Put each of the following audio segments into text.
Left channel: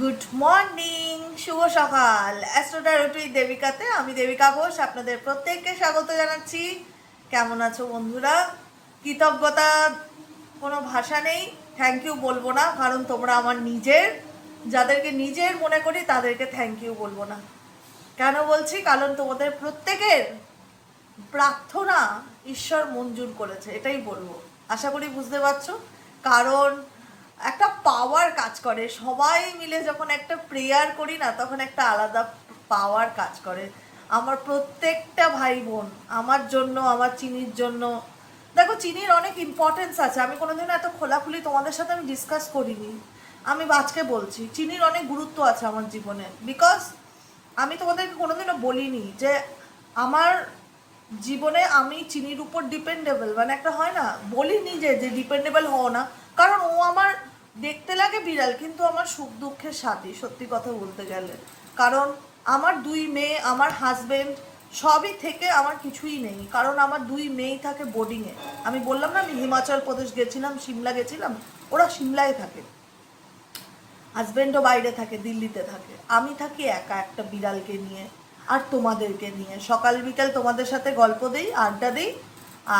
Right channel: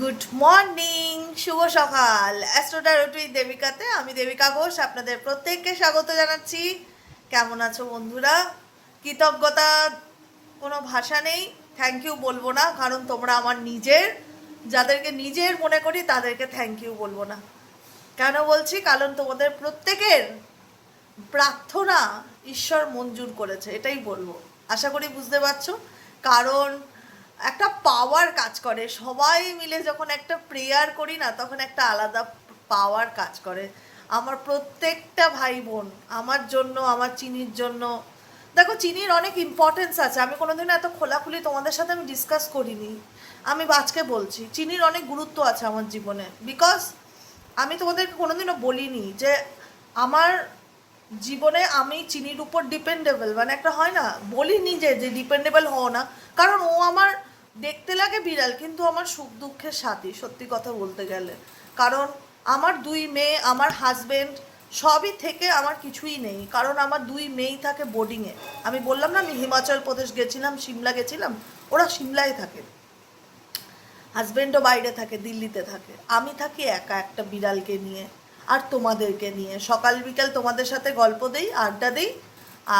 Good morning, শুভ সকাল। অ্যাস্ট্রোটারোটি দেবিকাতে আমি দেবিকা ঘোষ আপনাদের প্রত্যেককে স্বাগত জানাচ্ছি। কেমন আছো বন্ধুরা? কৃতজ্ঞতা কোনো ভাষা নেই, থ্যাংক ইউ বলবো না, কারণ তোমরা আমার নিজের। যাদেরকে নিজের মনে করি তাদেরকে থ্যাংক ইউ বলবো না। কেন বলছি? কারণ তোমাদের প্রত্যেকের প্রার্থনা ঈশ্বর মঞ্জুর করেছে, এটাই বলবো। আশা করি বুঝতে পারছো। কারণ একটা পাওয়ার কাজ করে, সবাই মিলে যখন একটা প্রেয়ার করি না, তখন একটা আলাদা পাওয়ার কাজ করে। আমার প্রত্যেকটা ভাই বোন আমার জন্য, আমার চিনির জন্য। দেখো, চিনির অনেক ইম্পর্টেন্স আছে, আমি কোনোদিন এত খোলাখুলি তোমাদের সাথে আমি ডিসকাস করিনি। আমি আজকে বলছি, চিনির অনেক গুরুত্ব আছে আমার জীবনে। বিকজ আমি তোমাদেরকে কোনোদিনও বলিনি যে আমার জীবনে আমি চিনির উপর ডিপেন্ডেবল, মানে একটা হয় না, বলিনি যে ডিপেন্ডেবল হও না। কারণ ও আমার দেখতে লাগে বিড়াল, কিন্তু আমার সুখ দুঃখের সাথী, সত্যি কথা বলতে গেলে। কারণ আমার দুই মেয়ে, আমার হাজবেন্ড, সবই থেকে আমার কিছুই নেই, কারণ আমার দুই মেয়েই থাকে বোর্ডিংয়ে। আমি বললাম না, আমি হিমাচল প্রদেশ গেছিলাম, সিমলা গেছিলাম, ওরা সিমলায় থাকে। হাজবেন্ডও বাইরে থাকে, দিল্লিতে থাকে। আমি থাকি একা একটা বিড়ালকে নিয়ে আর তোমাদেরকে নিয়ে। সকাল বিকেল তোমাদের সাথে গল্প দিই, আড্ডা দিই,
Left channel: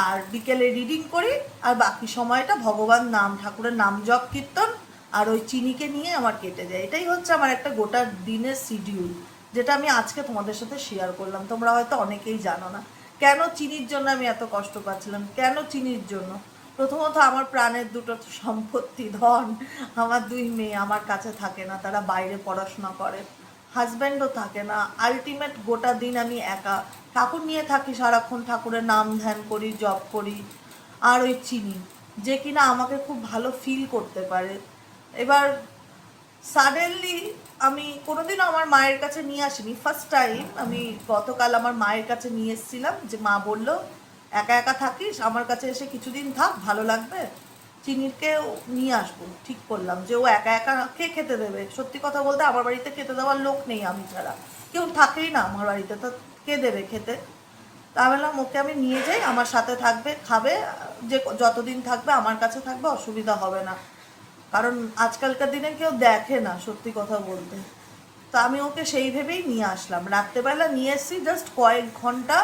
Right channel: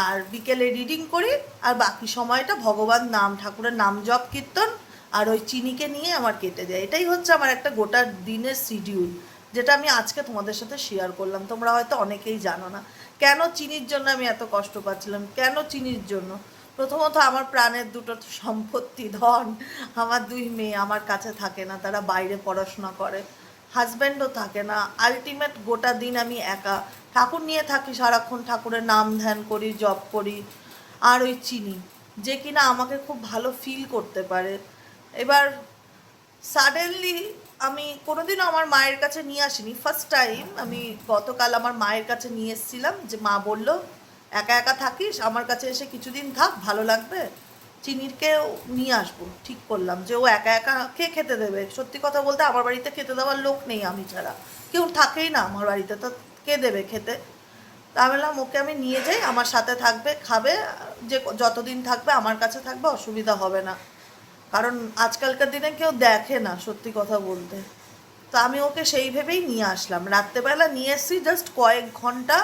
আর বিকেলে রিডিং করি, আর বাকি সময়টা ভগবান নাম, ঠাকুরের নাম জপ কীর্তন আর ওই চিনিকে নিয়ে আমার কেটে যায়। এটাই হচ্ছে আমার একটা গোটা দিনের শিডিউল, যেটা আমি আজকে তোমাদের সাথে শেয়ার করলাম। তোমরা হয়তো অনেকেই জানো না কেন চিনির জন্য আমি এত কষ্ট পাচ্ছিলাম, কেন চিনির জন্য। প্রথমত, আমার প্রাণের দুটো সম্পত্তি, ধন, আমার দুই মেয়ে আমার কাছে থাকে না, তারা বাইরে পড়াশোনা করে। হাজব্যান্ডও থাকে না। আলটিমেট গোটা দিন আমি একা ঠাকুর নিয়ে থাকি, সারাক্ষণ ঠাকুরের নাম ধ্যান করি, জপ করি। আর ওই চিনি, যে কিনা আমাকে খুব ভালো ফিল করতে পারে। এবার সাডেনলি আমি কোনোদিনও আমার মায়ের কাছে নিয়ে আসিনি, ফার্স্ট টাইম আমি গতকাল আমার মায়ের কাছে নিয়ে এসেছিলাম। যে মা বলল, একা একা থাকিস, আমার কাছে এসে কিছুদিন থাক, ভালো লাগবে, চিনিরকেও নিয়ে আসবো। ঠিক করলাম যে ও একা একা কে খেতে দেবে। সত্যি কথা বলতে আমার বাড়িতে খেতে দেওয়ার লোক নেই, আমি ছাড়া কেউ থাকেই না আমার বাড়িতে, তো কে দেবে খেতে। তা বললাম ওকে আমি নিয়ে যাই, আমার সাথে থাকবে, খাবে, যে যতদিন থাকবে আমার কাছে থাকবে, অসুবিধা হবে না। কারণ আজকালকার দিনে কেউ দেখে না, সত্যি কথা বলতে। তো আমি ওকে সেই ভেবেই নিয়ে আসলাম। রাত্রেবেলা নিয়ে এসেছি, জাস্ট কয়েক ঘন্টা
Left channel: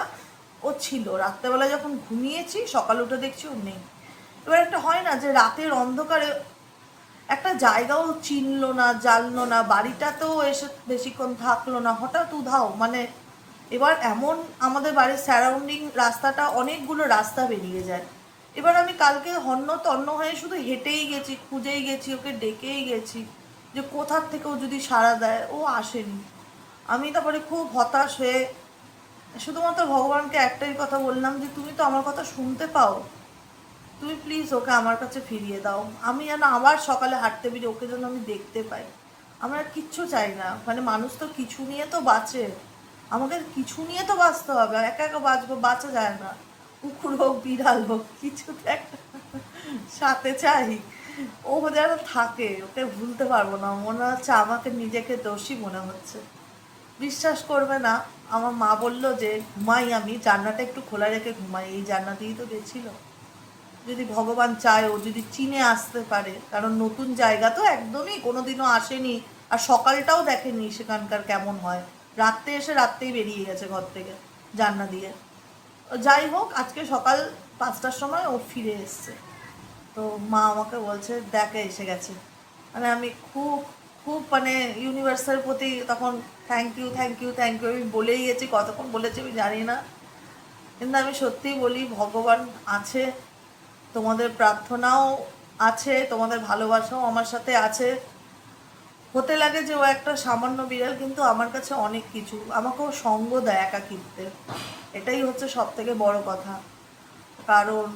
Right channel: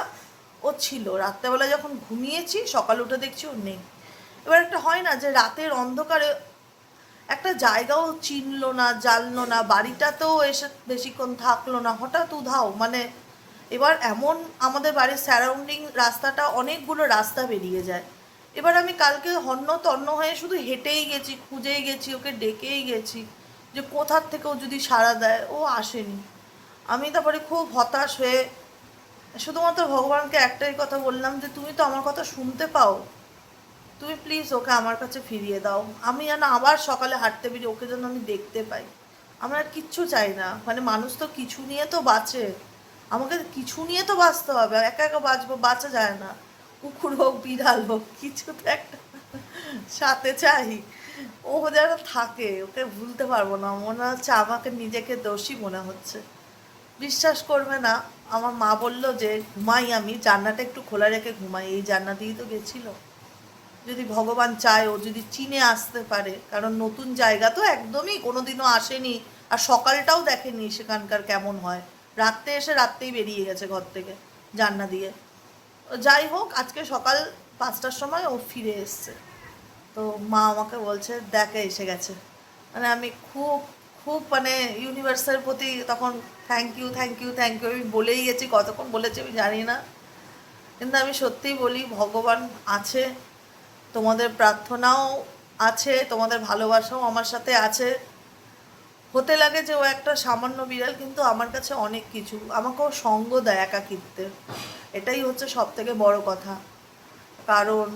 ও ছিল। রাত্রেবেলা যখন ঘুমিয়েছি, সকাল উঠে দেখছি ও নেই। এবার একটা হয় না যে রাতের অন্ধকারে একটা জায়গাও চিনলো না, জানলো না, বাড়িটাতেও এসে বেশিক্ষণ থাকলো না, হঠাৎ উধাও। মানে এবার এমন, আমাদের বাড়ির সারাউন্ডিং রাস্তাটা অনেকগুলো রাস্তা বেরিয়ে যায়। এবার আমি কালকে হন্য তন্ন হয়ে শুধু হেঁটেই গেছি, খুঁজেই গেছি, ওকে ডেকেই গেছি যে কোথার থেকেও যদি সাড়া দেয়। ও আসেনি। আমি তারপরে খুব হতাশ হয়ে শুধুমাত্র ভগবানকে একটাই কথা বললাম যে তুমি তো আমার কথা শুনতে পাও, তুমি প্লিজ ওকে আমার কাছে ফিরিয়ে দাও। আমি যেন আবার সকালে হাঁটতে বেরিয়ে ওকে যেন আমি দেখতে পাই। আমরা কিচ্ছু চাই না, মানে মানুষ তো কিছু নিয়ে তো বাঁচে, আমাকে কিছু নিয়ে তো বাঁচতে হবে, একা একা বাঁচবো, বাঁচা যায় না। কুকুর হোক, বিড়াল হোক, কিছু তো একটা সাথে চাই। ও যেন থাকে, ওকে ভুলতে পারবো না। মনে হচ্ছে আমাকে নিজেকে দোষী মনে হচ্ছে। বিশ্বাস করবে না, আমার মা বললো যে ঘুমাই, আমি জানলাটা একটু খোলা রেখে ঘুমাই, এই জানলা দিয়েই তো গেছিল। যদি ভগবান চায়, ও যদি চিনে আসতে পারে, কারণ নতুন জায়গা তো, একদমই কোনোদিনও আসেনি, আর সকালটাও দেখেনি সেখানকার কেমন হয়। রাত্রে এসে রাত্রেই বেরিয়ে গেছে ঘর থেকে, জানলা দিয়ে। যাই হোক, আজকে সকাল 5টার সময় ও ফিরে এসছে। তো মা আমাকে বলছে দেখে এসে গেছে। মানে আমি খুব খুব মানে ইউনিভার্সের প্রতি তখন thank you, thank you, thank you আমি বলেই গেছি। কতক্ষণ বলেছি আমি জানি না, কিন্তু আমি সত্যিই বলি, ভগবান আছে, তোমাদের প্রার্থনাও আছে, তোমাদের ভালোবাসাও আমার সাথে আছে। হতে লাগে যে ও একটা সামান্য বিড়াল, কিন্তু আমার কাছে অনেক কিছু, আমাকেও সঙ্গ দেয় একাকিত্বে। এটাই হচ্ছে সব থেকে বড় কথা। কারণ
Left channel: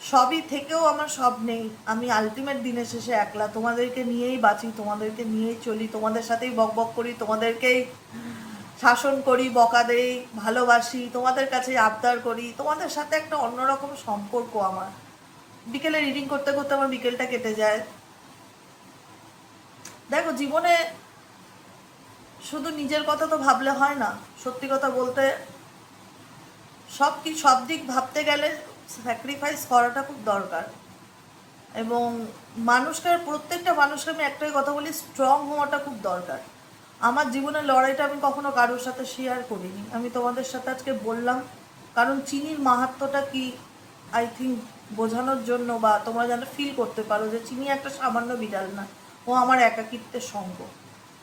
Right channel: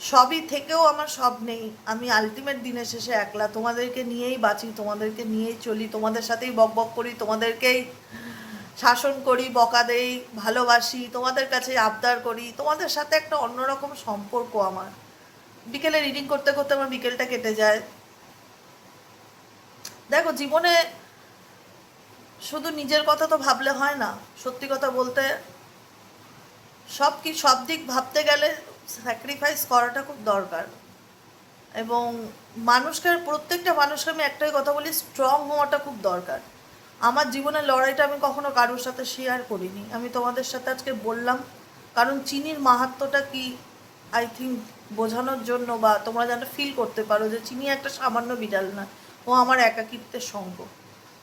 সবই থেকেও আমার সব নেই। আমি আলটিমেট দিনের শেষে একলা, তোমাদেরকে নিয়েই বাঁচি, তোমাদেরকে নিয়েই চলি, তোমাদের সাথেই বক বক করি, তোমাদেরকেই শাসন করি, বকা দেই, ভালোবাসি, তোমাদের কাছে আবদার করি। তোমাদের সাথে একটা অন্যরকম সম্পর্ক আমার। বিকেলে রিডিং করতে করতে আমার বিকেলটা কেটে যায়। দেখো, জীবনে শুধু নিজের কথা তো ভাবলে হয় না। সত্যি কথা বলতে, সব দিক ভাবতে গেলে স্যাক্রিফাইস করাটা খুব দরকার। এবং মানুষকে, প্রত্যেকটা মানুষকে আমি একটাই কথা বলি, স্ট্রং হওয়াটা খুব দরকার। আমার জীবনের লড়াইটা আমি কখনো কারোর সাথে শেয়ার করিনি, আমি তোমাদের সাথে আজকে বললাম, কারণ চিনির মাহাত্ম্যটা কি আই থিঙ্ক বোঝানোর জন্য, বা তোমরা যেন ফিল করতে পারো যে চিনি একটা সামান্য বিড়াল না, ও আমার একাকিত্বের সঙ্গ।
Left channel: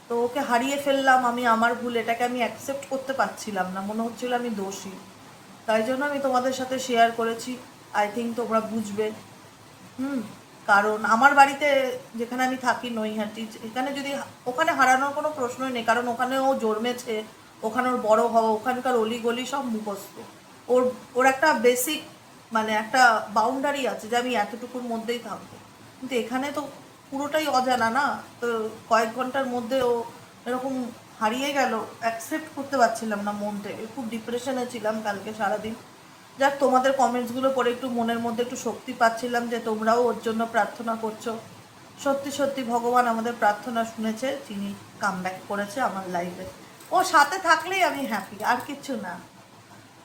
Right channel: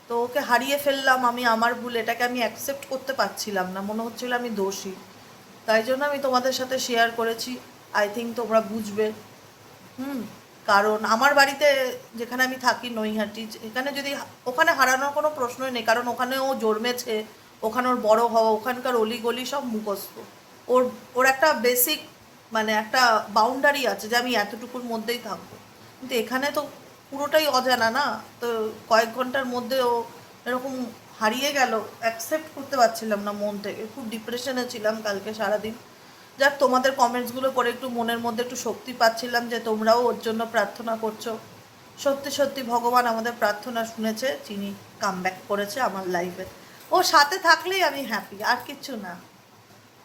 তো ওকে হারিয়ে ফেললাম, আমি আমার ভুল, এটাকে আমি অ্যাকসেপ্ট করতে পারছিলাম না, মনে হচ্ছিল আমি দোষী। তাই জন্য আমি তোমাদের সাথে শেয়ার করেছি, আই থিঙ্ক তোমরা বুঝবে। হুম। কারণ আমার বাড়িতে, যেখানে আমি থাকি নৈহাটি, এখানে যদি, ওখানে হারানোর কোনো প্রশ্নই নেই, কারণ ওখানে ও জন্মেছে, ওখানে ওর বড় হওয়া, ওখানকার অলিগলি সব মুখস্থ। ওর ওর একটা বেসিক, মানে একটা বাউন্ডারি আছে যে আমি এতটুকুর মধ্যেই থাকবো। কিন্তু এখানে তো পুরোটাই অজানা না, তো কয়েক ঘন্টার মধ্যে ও এরকম হারিয়ে গেল, অ্যাকসেপ্ট করতে পারছিলাম না মন থেকে, খুব ডিপ্রেশনে ছিলাম কালকে সারাদিন। যাক, তোমাদের কমেন্টসগুলো পড়ে একটু মনের মধ্যে একটু শক্তি পাচ্ছিলাম যে তোমরাও ওর জন্য প্রার্থনা করছো। সত্যি সত্যি ভগবান আমাদের প্রার্থনা শুনেছে, চিনি কামব্যাক করেছে আমার লাইফে। ও সাথে থাকলেই আমি হ্যাপি, আর কিছু না,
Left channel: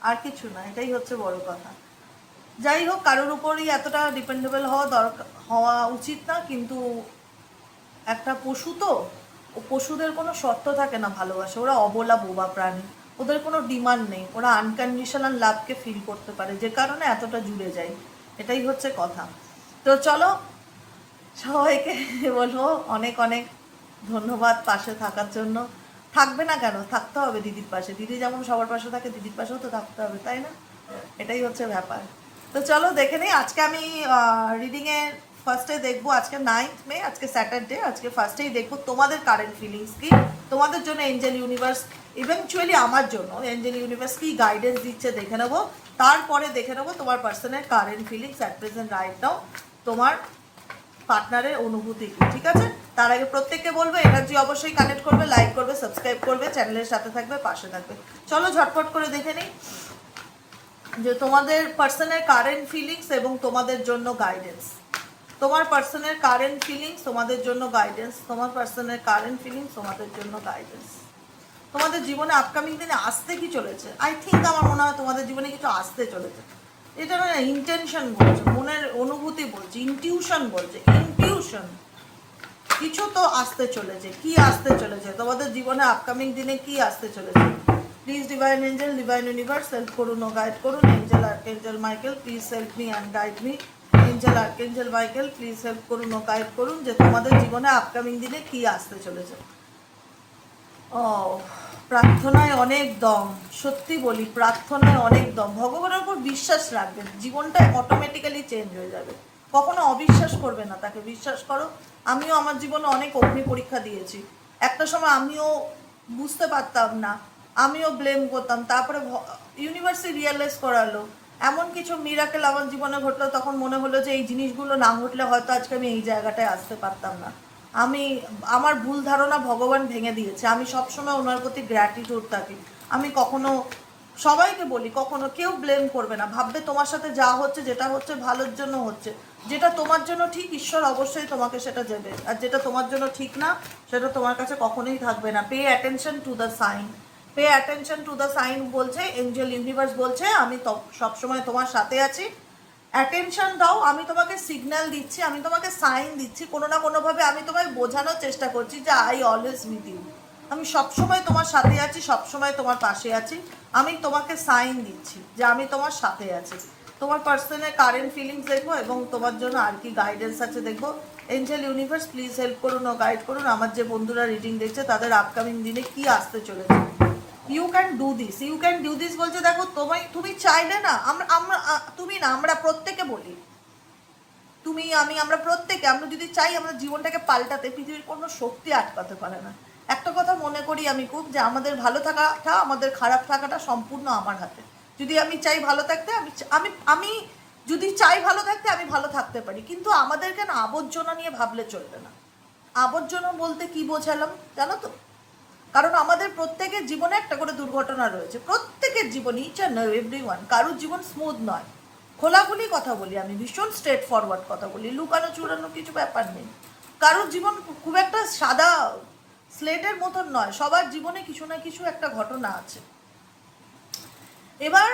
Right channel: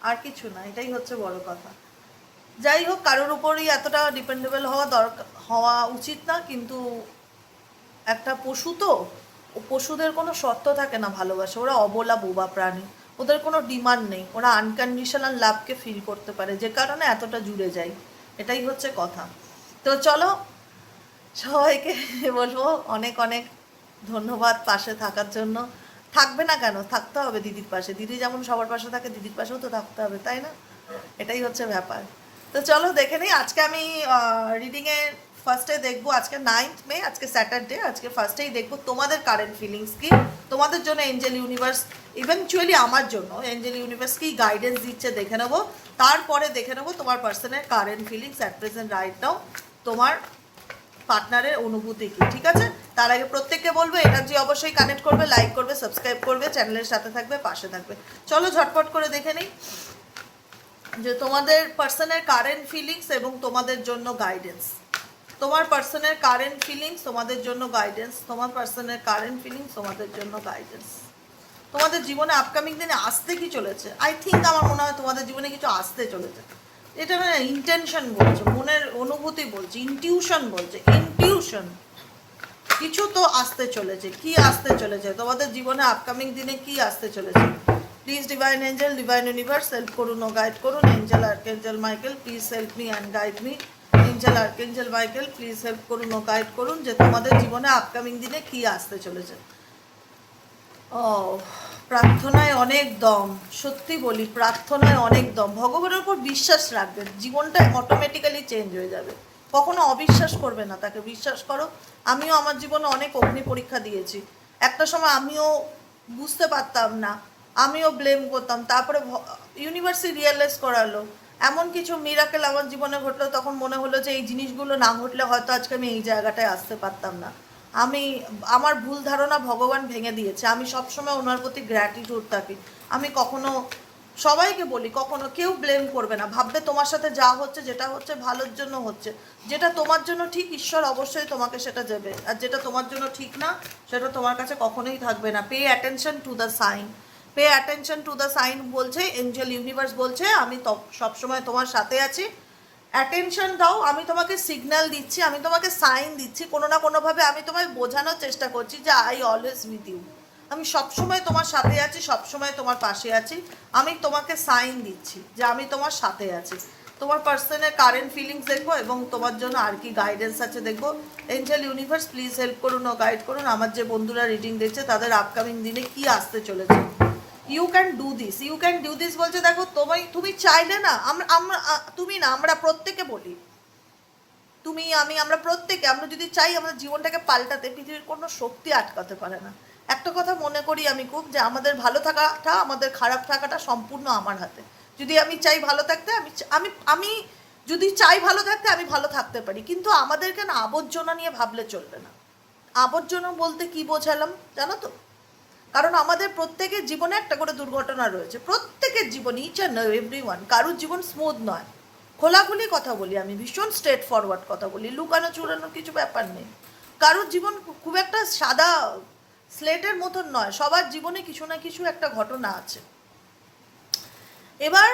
আর কিছু না, এটাই হচ্ছে বড় কথা। যাই হোক, কারোর উপরই এতটা ডিপেন্ডেবল হওয়া দরকার, হওয়া উচিত না, কিন্তু একটা পশু তো, ও পশুদের কোনো শর্ত থাকে না ভালোবাসা, ওরা অবলা বোবা প্রাণী, ওদের কোনো ডিমান্ড নেই, ওরা আনকন্ডিশনাল লাভকে ফিল করতে পারে, যে কারণে এতটা জুড়ে যায়, এটাই হচ্ছে কথা। তো চলো, সবাইকে বলবো অনেক অনেক ধন্যবাদ পাশে থাকার জন্য। থাকবে না কেন, থাকতে হবে দিদির পাশে, দিদি যেমন সবার পাশে থাকে দিদির পাশেও তো থাকতে হবে, তাই না? এটাই হচ্ছে ব্যাপার। তো চলো দেখে নিই, আজকে আমি রিডিংয়ের ফার্স্টে দেখবো, আজকে 9th মে, আজকে স্যাটারডে, আজকে ফার্স্টেই দেখবো তোমাদের কারেন্ট ফিলিংস কি, তোমাদের জন্য এঞ্জেল ইউনিভার্স, ইভেনচুয়ালি আমার জন্য এঞ্জেল ইউনিভার্স কি গাইডেন্স দিচ্ছে দেখে নেবো। তারপরে দেখে নেবো তোমার পার্সনের current feelings at present right now, তোমার পার্টনারের অনুভূতি কি, ঠিক আছে? তার আগে প্রত্যেককে বলবো এনার্জি অবশ্যই কানেক্ট করবে, লাইক করবে, সাবস্ক্রাইব করবে, চ্যানেলের সাথে থাকবে, পাশে থাকবে। চলো ঝটপট করে দেখে নিই যে তোমাদের পার্সনের কারেন্ট ফিলিংস এবং তোমাদের জন্য গাইডেন্স। তোমার পার্সনের কারেন্ট ফিলিংস, তোমাদের জন্য গাইডেন্স, তোমার পার্সনের কারেন্ট ফিলিংস, তোমাদের জন্য গাইডেন্স। তোমাদের জীবনে আপকামিং দিনে আসতে কি চলেছে, আই থিঙ্ক আমার মনে হয় তোমাদের জীবনে কিছু আসতে চলেছে। এটা মানে ইন্টেনশন বলছে, মনের অনুভূতি বলছে, ইনটিউশন বলছে, ইনটিউশন, কিছু তো আসতে চলেছে। কি আসতে চলেছে তোমাদের জীবনে আপকামিং দিনে, কি আসতে চলেছে? Please divine Angel, divine universe help করুন ও গাইড করুন। Angel archangel Michael please help me and guide me. Angel archangel Michael please help করুন ও গাইড করুন যে তোমাদের জীবনে আপকামিং দিনে কি আসতে চলেছে। ও, প্রার্থনায় অনেক দম, সত্যি বলি প্রার্থনায় অনেক দম। ভগবানের উপর বিশ্বাস রাখবেন, জীবনটা অটোমেটিক্যালি চেঞ্জ হয়ে যাবে। কখনো অবিশ্বাস করবে না, তাকে বিশ্বাস করো। আমিও আমার জীবনে অনেক অগ্নি পরীক্ষা দিয়েছি, একটা সময় আমিও বুঝতে পারতাম না, আমিও ব্লেম করতাম, তারপরে ইউনিভার্সিটি রিয়েলাইজ করালো, এমন কিছু মিরাকেল আমার জীবনে ঘটলো, তখন মনে হলো যে এই জিনিসগুলো না ঘটলে হয়তো আজকে আমি এই জায়গাটায় আসতে পারতাম না। আমি, আমার ভুল ধারণা ভগবান ভেঙে দিয়েছে, আমি সবসময় ওনার প্রতি গ্র্যাটিটিউড থাকি। আমি কখনো, সবাইকে বলি, কখনো কেউ ব্লেম করবে না, ভাববে তোমার সাথে যা হচ্ছে, যেটা হচ্ছে ভালোর জন্য হচ্ছে, যেটা তোমার জন্য ঠিক ঈশ্বর অবশ্যই তোমাকে সেটা দেবে, আর যেটা তোমার জন্য ঠিক না সেটা তোমার কাছে কখনোই থাকবে না। Pay attention to the sign, pay attention to the sign বলছে এঞ্জেল ইউনিভার্স, বলছে আমি সবসময় তোমার সাথে আছি, অ্যাটেনশন দাও, আমি তোমাকে সিগন্যাল দিচ্ছি, আমি তোমাকে সাইন দিচ্ছি, কোনো না কোনোভাবে আমি তোমায় বোঝানোর চেষ্টা করছি যে আই অলওয়েজ উইথ ইউ, আমি সবসময় তোমার সাথে আছি, সবসময় তোমার পাশে আছি, আমি তোমাকে সাইন দিচ্ছি যে আমি তোমার সাথে আছি। তোমার পার্সনের কারেন্ট ফিলিংস দেখবো এবং তোমার জন্য আর কি গাইডেন্স আছে দেখবো। এঞ্জেল ইউনিভার্স প্লিজ হেল্প করুন ও গাইড করুন আমার যে বন্ধুরা রিডিং দেখছে তাদের আপকামিং দিনে কি আসতে চলেছে। You can do this, you can do this বলছে, দেখো তুমি চাইলে না, আমরা আমরা তুমি না, আমরা প্রত্যেকে বলি, তুমি আমি আমরা প্রত্যেকে, আমরা যদি চাই আমাদের জীবনটাকে পাল্টাতে, পৃথিবীর কোনো শক্তি আটকাতে পারে না। একটা কথা মনে করি আমি খুব, যে আমাদের ভালো থাকাটা, আমাদের খারাপ থাকাটা সম্পূর্ণ আমার হাতে। যদি আমি চাই ভালো থাকতে, আমি আমি যদি চাই ভালো থাকতে, আমি ভালো থাকতে পারি, কিন্তু আমাদেরকে না আবর্জনা নিয়ে ভাবলে চলবে না। আবর্জনা বলতে কি বোঝালাম জানো তো? কারণ আমাদের প্রত্যেকের জীবনে একটা করে দুর্ঘটনা রয়েছে, প্রত্যেকের জীবন, ইচ অ্যান্ড এভরিওয়ান, কারোর জীবন স্মুথ নয়। খোলাখুলি কথা বলি, আমি ভীষণ স্ট্রেট ফরওয়ার্ড কথা বলি, লুকানো চুরানোর কিছু ব্যাপার নেই। কারোর জীবন খুব একটা সাদা স্লেটের মতন নয়, সবার জীবনে কিছু না কিছু একটা ঘটনা আছে। এবার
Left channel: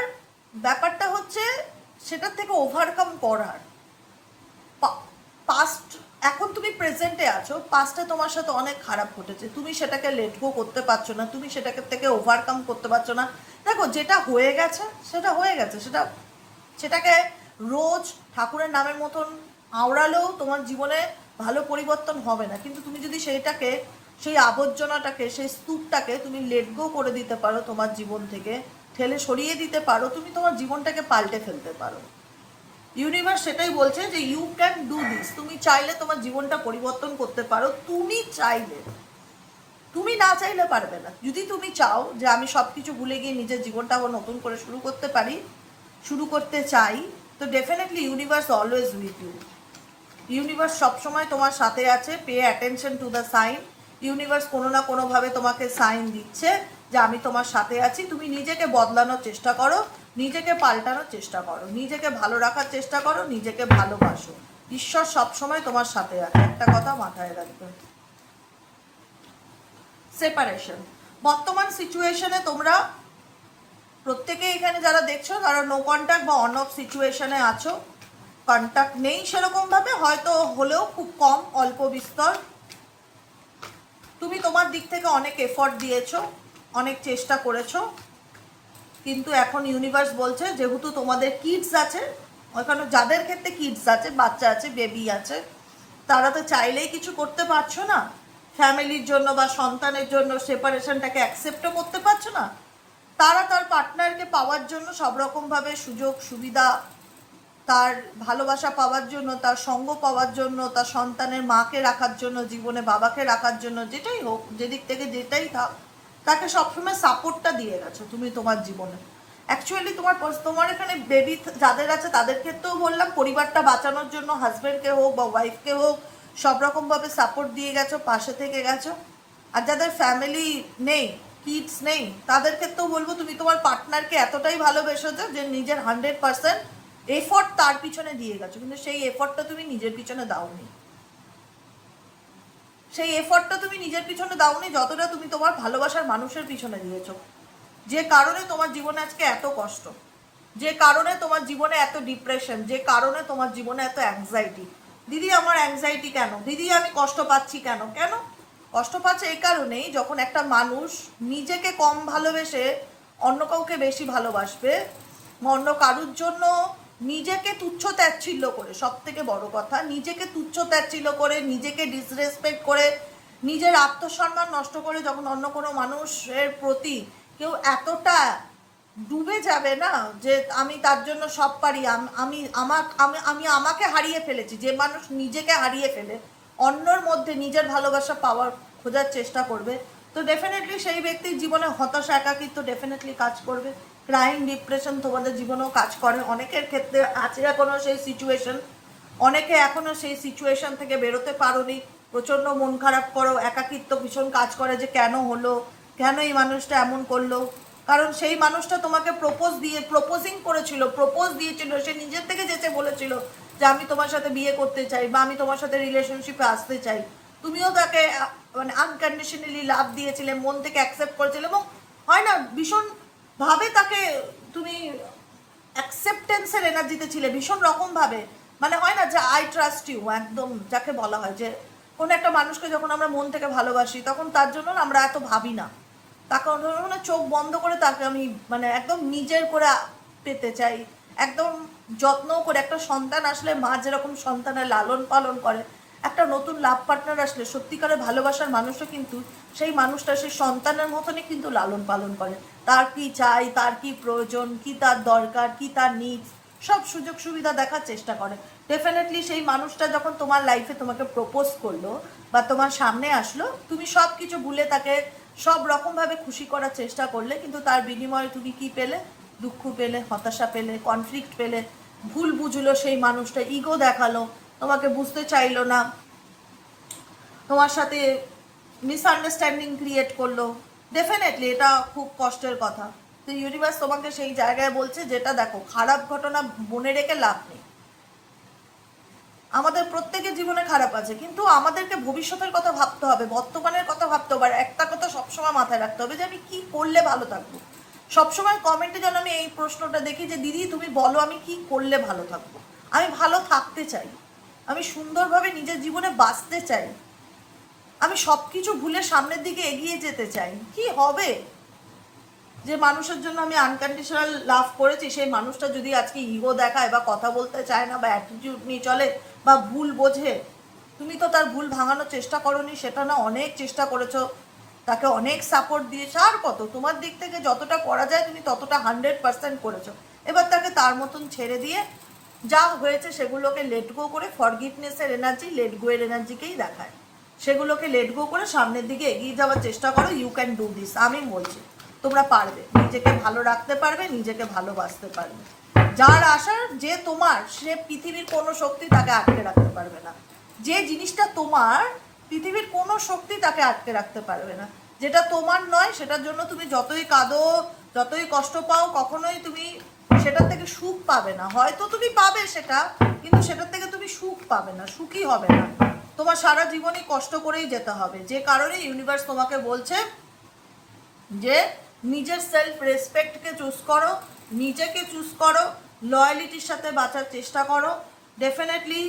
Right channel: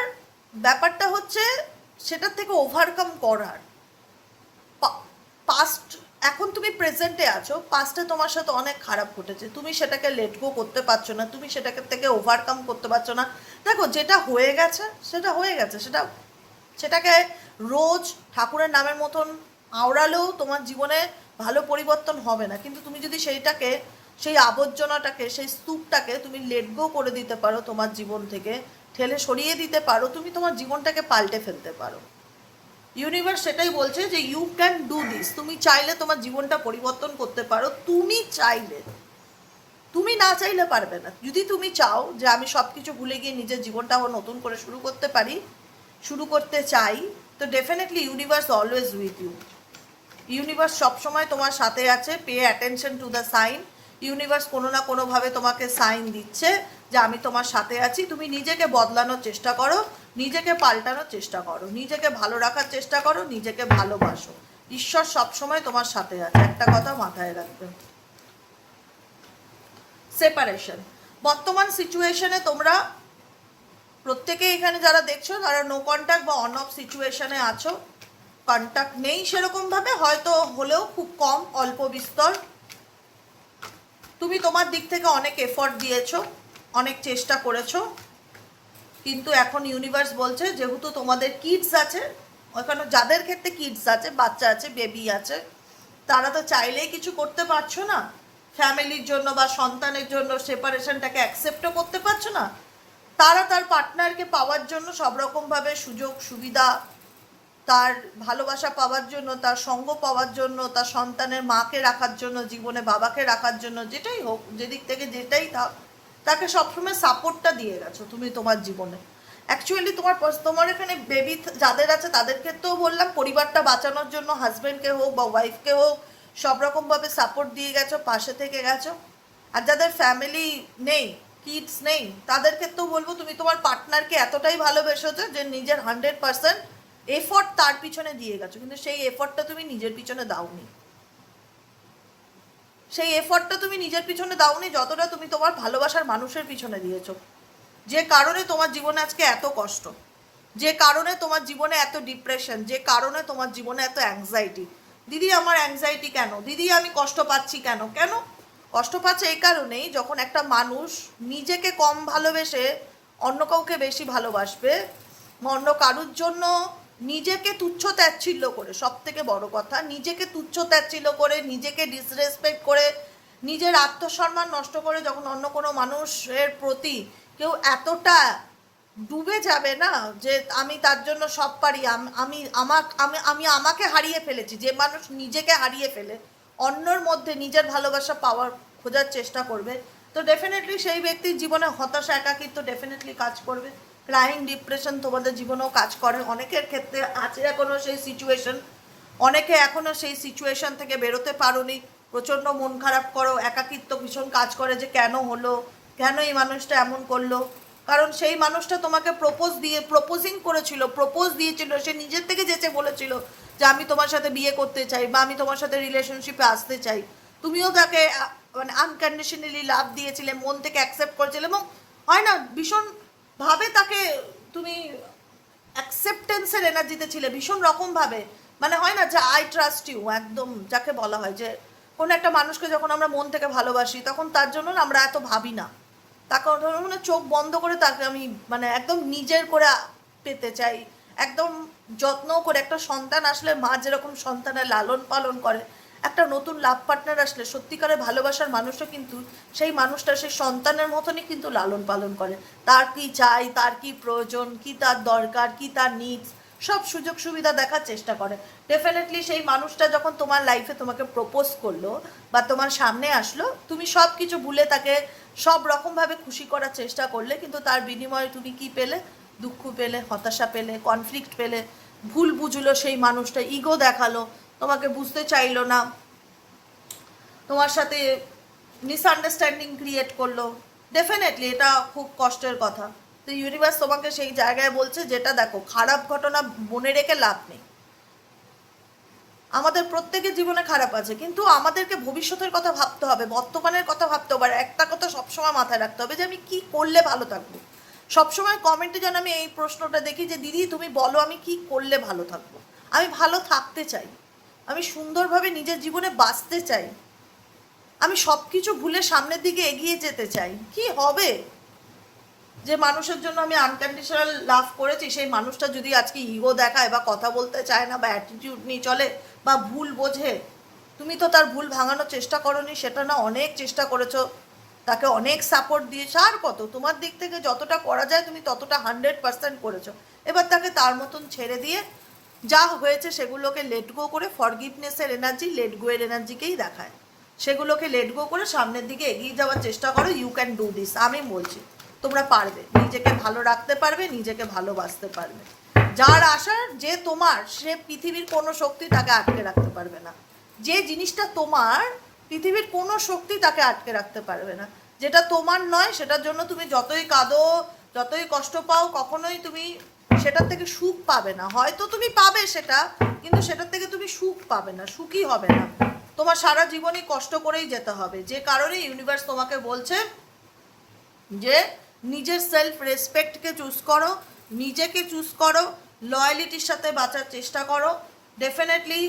ব্যাপারটা হচ্ছে সেটার থেকে ওভারকাম করার, পাস্ট, এখন তুমি প্রেজেন্টে আছো, পাস্টে তোমার সাথে অনেক খারাপ ঘটেছে, তুমি সেটাকে লেট গো করতে পারছো না, তুমি সেটাকে থেকে ওভারকাম করতে পারছো না। দেখো, যেটা হয়ে গেছে সেটা হয়ে গেছে, সেটাকে রোজ ঠাকুরের নামের মতন আওড়ালেও তোমার জীবনে ভালো পরিবর্তন হবে না। কিন্তু তুমি যদি সেই আবর্জনাটাকে, সেই স্তূপটাকে তুমি লেট গো করে দিতে পারো, তোমার জীবন থেকে ঠেলে সরিয়ে দিতে পারো, তুমি তোমার জীবনটাকে পাল্টে ফেলতে পারো। ইউনিভার্স সেটাই বলছে যে ইউ ক্যান ডু দিস। তুমি চাইলে তোমার জীবনটা পরিবর্তন করতে পারো, তুমি চাইলে। তুমি না চাইলে পারবে না। যদি তুমি চাও যে আমি সব কিছু ভুলে গিয়ে নিজের জীবনটা আবার নতুন করে শুরু করতে চাই, তো definitely universe always with you. Universe সবসময় তোমার সাথে আছে। Pay attention to the sign. Universe কোনো না কোনোভাবে তোমাকে সাইন দিচ্ছে যে আমি তোমার সাথে আছি। তুমি নিজেকে বদলানোর চেষ্টা করো, নিজেকে পাল্টানোর চেষ্টা করো, নিজেকে ভালো রাখার চেষ্টা করো, নিজেকে ভালোবাসো। ঈশ্বর সবসময় তোমার সাথে আছে, একটা কথা মাথায় রাখবে। সেপারেশন, বর্তমান সিচুয়েশনে তোমরা প্রত্যেকে এখানে যারা দেখছো তারা নো কন্ট্যাক্ট বা অন অফ সিচুয়েশনে আছো। কন্ট্যাক্ট নেই সেরকম ভাবে, হয়তো হলেও খুব কম, অল্প বিস্তর। তুমি তোমার দিক থেকে অনেক এফর্ট দিয়েছো, অনেক চেষ্টা করেছো, কিন্তু এখন ইউনিভার্স বলছে যেহেতু তোমাদের কিডস আছে, ওখানে যাদের ক্ষেত্রে কিডস আছে, বাচ্চা আছে, বেবি আছে, তারা তো চাইলেই কিছু করতে পারছো না ফ্যামিলির জন্য বা সন্তানের জন্য, সেপারেশনটাকে অ্যাকসেপ্টও করতে পারছো না। তারা তার পার্টনারকে পাওয়ার জন্য সব রকমভাবে সুযোগ সুবিধা, তার ভালোবাসা পাওয়ার জন্য, তার সঙ্গ পাওয়ার জন্য, তার সন্তানের মাকে রাখার জন্য, জীবনে বাবাকে রাখার জন্য, যেটাই হোক, যেদিক থেকে যেটাই থাক, তাকে সবসময় সাপোর্টটা দিয়ে গেছো তুমি তোমার জীবনে। অ্যাকচুয়ালি তোমার এখানে বেবি যাদের আছে তাদের ক্ষেত্রেও বললাম, পরিবারটা বাঁচানোর জন্য হাজব্যান্ডকে হোক বা ওয়াইফকে হোক সব রকমভাবে সাপোর্ট দিয়ে গেছো, পাশে থেকে গেছো। আর যাদের ফ্যামিলি নেই, কিডস নেই, তাদের ক্ষেত্রেও বলবো তুমি তোমার পার্টনারকে এতটাই ভালোবেসেছো যে নিজের 100% এফোর্ট তার পিছনে দিয়ে গেছো, কিন্তু সেই এফোর্টটা তুমি নিজের পিছনে দাওনি। সেই এফোর্টটা তুমি নিজের পিছনে দাওনি যতটা তুমি তোমার ভালোবাসার মানুষের পিছনে দিয়েছো। যে কারণে তোমার জীবনে আজকে এত কষ্ট, যে কারণে তোমার জীবনে এত ডিপ্রেশন, যে কারণে তোমার জীবনে এত অ্যাংজাইটি। দিদি আমার অ্যাংজাইটি কেন, দিদি আমি কষ্ট পাচ্ছি কেন? কেন কষ্ট পাচ্ছে? এই কারণেই, যখন একটা মানুষ নিজেকে কম ভালোবেসে অন্য কাউকে বেশি ভালোবাসবে, অন্য কারুর জন্য নিজেকে তুচ্ছ তাচ্ছিল্য করে, সব থেকে বড় কথা, নিজেকে তুচ্ছ তাচ্ছিল্য করে, নিজেকে ডিসরেসপেক্ট করে, নিজের আত্মসম্মান নষ্ট করে যখন অন্য কোনো মানুষের প্রতি কেউ এতটা ডুবে যাবে না যে আমি তার জন্য সব পারি, আমি আমাকে হারিয়ে ফেলেছি, যে মানুষ নিজেকে হারিয়ে ফেলে অন্যর মধ্যে নিজের ভালোবাসা পাওয়ার খোঁজার চেষ্টা করবে, তো ডেফিনেটলি সেই ব্যক্তির জীবনে হতাশা, একাকিত্ব ডেফিনেটলি কাজ করবে। ক্রাইম, ডিপ্রেশন তোমাদের জীবনেও কাজ করে। অনেকের ক্ষেত্রে আছে এখনো সেই সিচুয়েশন, অনেকে এখনো সেই সিচুয়েশন থেকে বেরোতে পারোনি, প্রচণ্ড মন খারাপ করো, একাকিত্ব ভীষণ কাজ করে যে কেন হলো, কেন এই মানুষটা এমন করলো। কারণ সেই মানুষটা তোমাকে প্রপোজ দিয়েছিল, সে নিজের থেকে যেচে বলেছিল যে আমি তোমার সাথে বিয়ে করতে চাই বা আমি তোমার সাথে রিলেশনশিপে আসতে চাই। তুমিও তাকে মানে আনকন্ডিশনালি লাভ দিয়েছিলে, মন থেকে অ্যাকসেপ্ট করেছিলে, এবং হয় না ভীষণ ভাবে তাকে তুমি অ্যাকসেপ্টেন্সের এনার্জিতে ছিলে ভীষণ রকম ভাবে। মানে হয় না যে আই ট্রাস্ট ইউ, একদম যাকে বলা হয় যে কোনো একটা মানুষকে যখন আমরা মন থেকে ভালোবাসি তখন তার জন্য আমরা এত ভাবি না, তাকে মানে চোখ বন্ধ করে তাকে আমি মানে একদম নিজের করে পেতে চাই, একদম যত্ন করে। একটা সন্তান আসলে মা যেরকম সন্তানের লালন পালন করে, একটা নতুন লাভ পার্টনার আসলে সত্যিকারের ভালোবাসার মানুষও কিন্তু সেই মানুষটা সেই সন্তানের মতনই কিন্তু লালন পালন করে। তার কি চাই, তার কি প্রয়োজন, কি তার দরকার, কি তার নিডস, সব সুযোগ সুবিধা দেখার চেষ্টা করে। ডেফিনেটলি সেই মানুষটা যখন তোমার লাইফে তোমাকে প্রপোজ করলো বা তোমার সামনে আসলো, তুমি সব কিছু ভুলে তাকে সব রকমভাবে খুশি করার চেষ্টা করলে, কিন্তু তার বিনিময়ে তুমি কি পেলে? দুঃখ পেলে, হতাশা পেলে, কনফ্লিক্ট পেলে, ভুল বুঝলো সেই মানুষটা, ইগো দেখালো, তোমাকে বুঝতে চাইলো না, তোমার সাথে মিসআন্ডারস্ট্যান্ডিং ক্রিয়েট করলো। ডেফিনেটলি এটা খুব কষ্টের কথা। তো ইউনিভার্স তোমাকে সেই জায়গায় বলছে যেটা দেখো, খারাপ ঘটনা মনে রেখে লাভ নেই। আমাদের প্রত্যেকের জীবনে খারাপ আছে, কিন্তু আমাদেরকে ভবিষ্যতের কথা ভাবতে হবে, বর্তমানের কথা ভাবতে হবে। আর একটা কথা সবসময় মাথায় রাখতে হবে যে আমি কি করলে ভালো থাকবো। সবসময় কমেন্টে যেন আমি এই প্রশ্নটা দেখি যে দিদি তুমি বলো আমি কি করলে ভালো থাকবো, আমি ভালো থাকতে চাই, আমি সুন্দরভাবে নিজের জীবনে বাঁচতে চাই, আমি সব কিছু ভুলে সামনের দিকে এগিয়ে যেতে চাই। কি হবে যে মানুষের জন্য আমি আনকন্ডিশনাল লাভ করেছি, সেই মানুষটা যদি আজকে ইগো দেখায় বা কথা বলতে চায় না বা অ্যাটিটিউড নিয়ে চলে বা ভুল বোঝে, তুমি তো তার ভুল ভাঙানোর চেষ্টা করোনি, সেটা না অনেক চেষ্টা করেছো, তাকে অনেক সাপোর্ট দিয়েছো, আর কত তোমার দিক থেকে যতটা করা যায় তুমি ততটা 100% করেছো। এবার তাকে তার মতন ছেড়ে দিয়ে যা হয়েছে সেগুলোকে লেট গো করে, ফরগিভনেসের এনার্জি লেট গো এর এনার্জিকেই দেখায়, সেগুলোকে লেট গো করে সামনের দিকে এগিয়ে যাওয়ার চেষ্টা করো। ইউ ক্যান ডু দিস, আমি বলছি তোমরা পারবে, নিজেকে ভালো রাখতে পারবে, নিজেকে ভালোবাসতে পারবে। যার আশা যে তোমার, সে পৃথিবীর কোনো শক্তি তাকে আটকে রাখতে পারবে না। যে জিনিসটা তোমার, পৃথিবীর কোনো শক্তি তাকে আটকে রাখতে পারবে না। যেটা তোমার নয় সেটার জন্য তুমি যতই কাঁদো, যতই কষ্ট পাও, কখনোই তুমি সেটার থেকে সুখ পাবে না। হয়তো তুমি পাবে সেটা, কিন্তু সেটার থেকে তুমি সুখ পাবে না, সুখী হবে না। তোমার সারা জীবনই কষ্ট করেই যেতে হবে। যে কারণে ইউনিভার্স তোমাকে বলছে যে নিজের সেলফ রেসপেক্টকে চুজ করো, নিজেকে চুজ করো, লয়ালিটির সাথে বাঁচার চেষ্টা করো। ডেফিনেটলি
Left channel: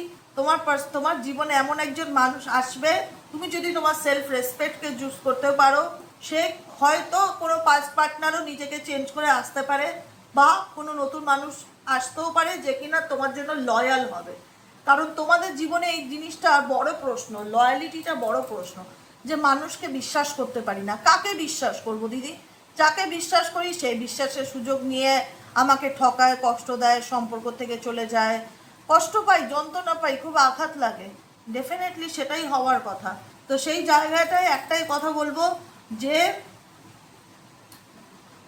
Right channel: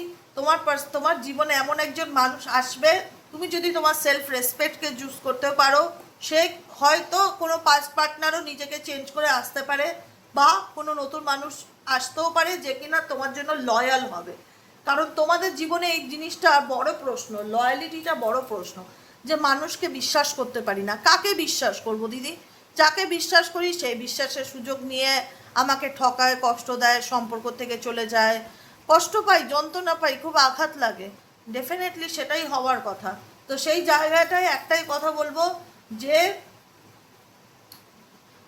তোমার জীবনে এমন একজন মানুষ আসবে, তুমি যদি তোমার সেলফ রেসপেক্টকে চুজ করতে পারো, সে হয়তো কোনো পার্টনারও নিজেকে চেঞ্জ করে আসতে পারে, বা কোনো নতুন মানুষ আসতেও পারে যে কিনা তোমার জন্য লয়াল হবে। কারণ তোমাদের জীবনে এই জিনিসটা বড় প্রশ্ন, লয়ালিটিটা বড় প্রশ্ন, যে মানুষকে বিশ্বাস করতে পারি না। কাকে বিশ্বাস করব দিদি? যাকে বিশ্বাস করি সেই বিশ্বাসের সুযোগ নিয়ে আমাকে ঠকায়, কষ্ট দেয়, সম্পর্ক থেকে চলে যায়, কষ্ট পাই, যন্ত্রণা পাই, খুব আঘাত লাগে। ডেফিনেটলি সেটাই হওয়ার কথা। তো সেই জায়গাটায় একটাই কথা বলবো যে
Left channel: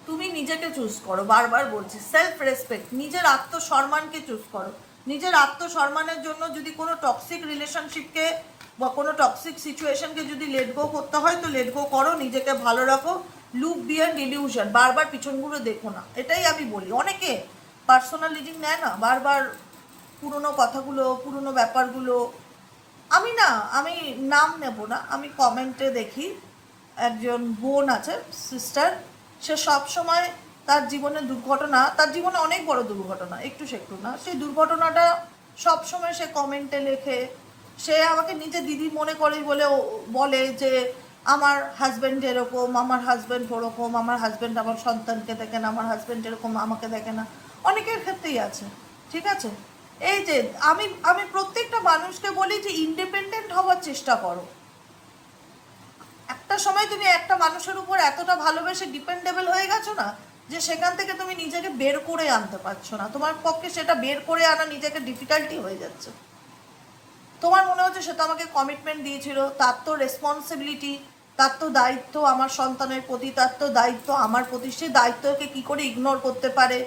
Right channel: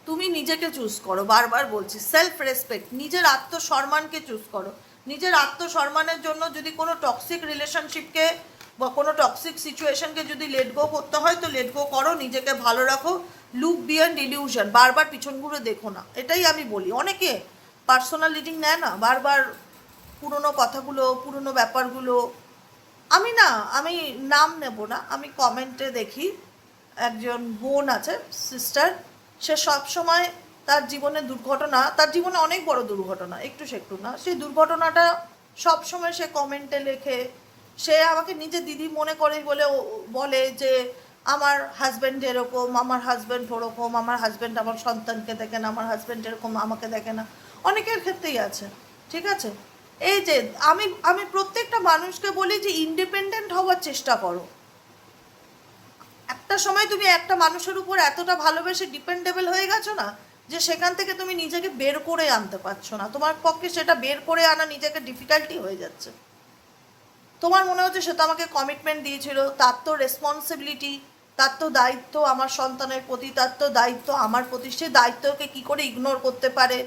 তুমি নিজেকে চুজ করো, বারবার বলছি, সেলফ রেসপেক্ট, নিজের আত্মসম্মানকে চুজ করো। নিজের আত্মসম্মানের জন্য যদি কোনো টক্সিক রিলেশনশিপকে বা কোনো টক্সিক সিচুয়েশনকে যদি লেট গো করতে হয় তো লেট গো করো, নিজেকে ভালো রাখো। লুক বিয়ন্ড ইলিউশন, বারবার পিছনগুলো দেখো না, এটাই আমি বলি। অনেকে পার্সোনাল রিডিং নেয় না, বারবার পুরনো কথাগুলো, পুরনো ব্যাপারগুলো। আমি নাম নেব না, আমি কমেন্টে দেখি একজন বোন আছে, সিস্টার, সে সব সময় তার জীবনে দুর্ঘটনা, তার জীবনে অনেক বড় দুর্ঘটনা, একটু সেকটু না, সেই দুর্ঘটনাটা সব সময় সে কমেন্টে লেখে। সে আমাকে নিজে দিদি মনে করে বলে যে আমার হাজব্যান্ড এরকম, আমার হাজব্যান্ড ওরকম, আমার হাজব্যান্ড আমার সন্তানকে দেখে না, আমার হাজব্যান্ড এরকম আমাকে দেখে না। অনেকের ক্ষেত্রেই আছে, ঠিক আছে। এই যে আমি প্রত্যেকটা মানুষকে বলি যে ইন্ডিপেন্ডেন্ট হওয়ার চেষ্টা করো। একটা সময় তুমি একটা মানুষের উপর এতটা ভালোবেসে ডিপেন্ডেবল হয়ে গেছো না, যে সেখান থেকে তুমি নিজেকে বের করে আনতে পারছো না, তোমার পক্ষে সেটা বের করে আনা নিজেকে ডিফিকাল্টি হয়ে যাচ্ছে। তোমার মনে হচ্ছে সে তো আমাকে কমিটমেন্ট দিয়েছিল, তার তো রেসপন্সিবিলিটি, তার তো দায়িত্ব আমার সন্তানের প্রতি, তার তো দায়িত্ব আমার প্রতি, সে দায়িত্বকে কি করে ইগনোর করতে পারে?